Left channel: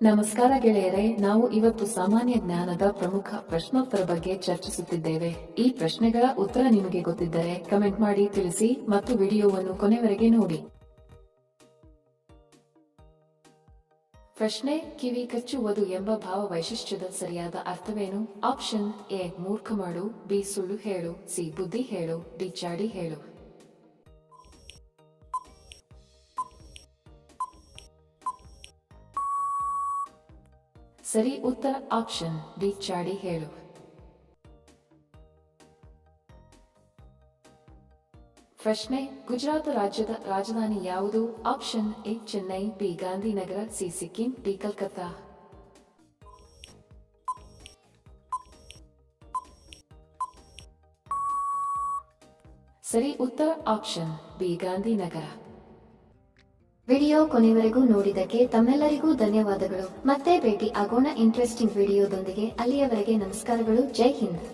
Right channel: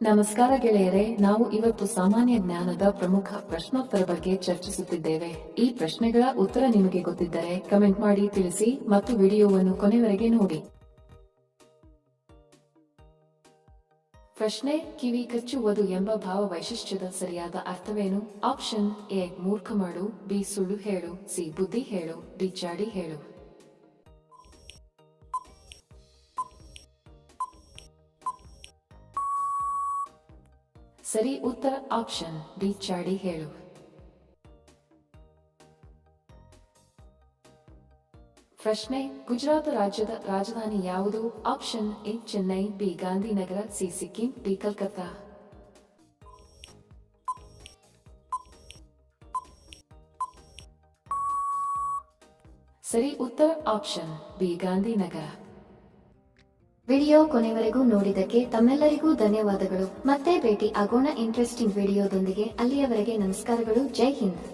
ನಮಸ್ಕಾರ ಗೆಳೆಯರೆ, ನಾವು ಇವತ್ತು ಸಾಮಾನ್ಯ ಜ್ಞಾನದ ಪ್ರಮುಖ ಪ್ರಶ್ನೋತ್ತರ ಬಗ್ಗೆ ಚರ್ಚಿಸುತ್ತಿದ್ದೇವೆ. ಈ ಪ್ರಶ್ನೆಗಳ ಉತ್ತರ ನಿಮಗೆ ಗೊತ್ತಿದ್ದರೆ ಕಮೆಂಟ್ ಮಾಡಿ ತಿಳಿಸಿ ಮತ್ತು ವಿಡಿಯೋವನ್ನು ಕೊನೆವರೆಗೆ ನೋಡಿ. ಪ್ರಶ್ನೆ: ಕಿವಿ ಕಚ್ಚುವುದು ಎಂಬ ಭಾವ ವೈಶಿಷ್ಟ್ಯದ ಸರಿಯಾದ ಅರ್ಥವೇನು? ಆಪ್ಷನ್ ಎ ಮೂರ್ಖ ಮಾಡು, ಬಿ ಸುಳ್ಳು ಹೇಳು, ಸಿ ಬುದ್ಧಿ ಹೇಳು, ಡಿ ಚಾಡಿ ಹೇಳು. ಸರಿ ಉತ್ತರ ಆಪ್ಷನ್ ಡಿ ಚಾಡಿ ಹೇಳು. ಪ್ರಶ್ನೆ: ಗುಜರಾತ್ ರಾಜ್ಯದ ರಾಜಧಾನಿ ಯಾವುದು? Option A Chennai, B Gandhinagar, C Sikkim, D Calcutta. ಸರಿ ಉತ್ತರ ಆಪ್ಷನ್ ಬಿ ಗಾಂಧಿನಗರ. ವಿಡಿಯೋ ಕೊನೆವರೆಗೂ ನೋಡಿದ್ದಕ್ಕೆ ತಮ್ಮೆಲ್ಲರಿಗೂ ಧನ್ಯವಾದಗಳು. ಮತ್ತೆ ಭೇಟಿ ಆಗೋಣ ಇಂಟ್ರೆಸ್ಟಿಂಗ್ ವಿಡಿಯೋದೊಂದಿಗೆ. ಅಲ್ಲಿಯವರೆಗೆ ನಮಸ್ಕಾರಗಳು. ಜೈ ಹಿಂದ್.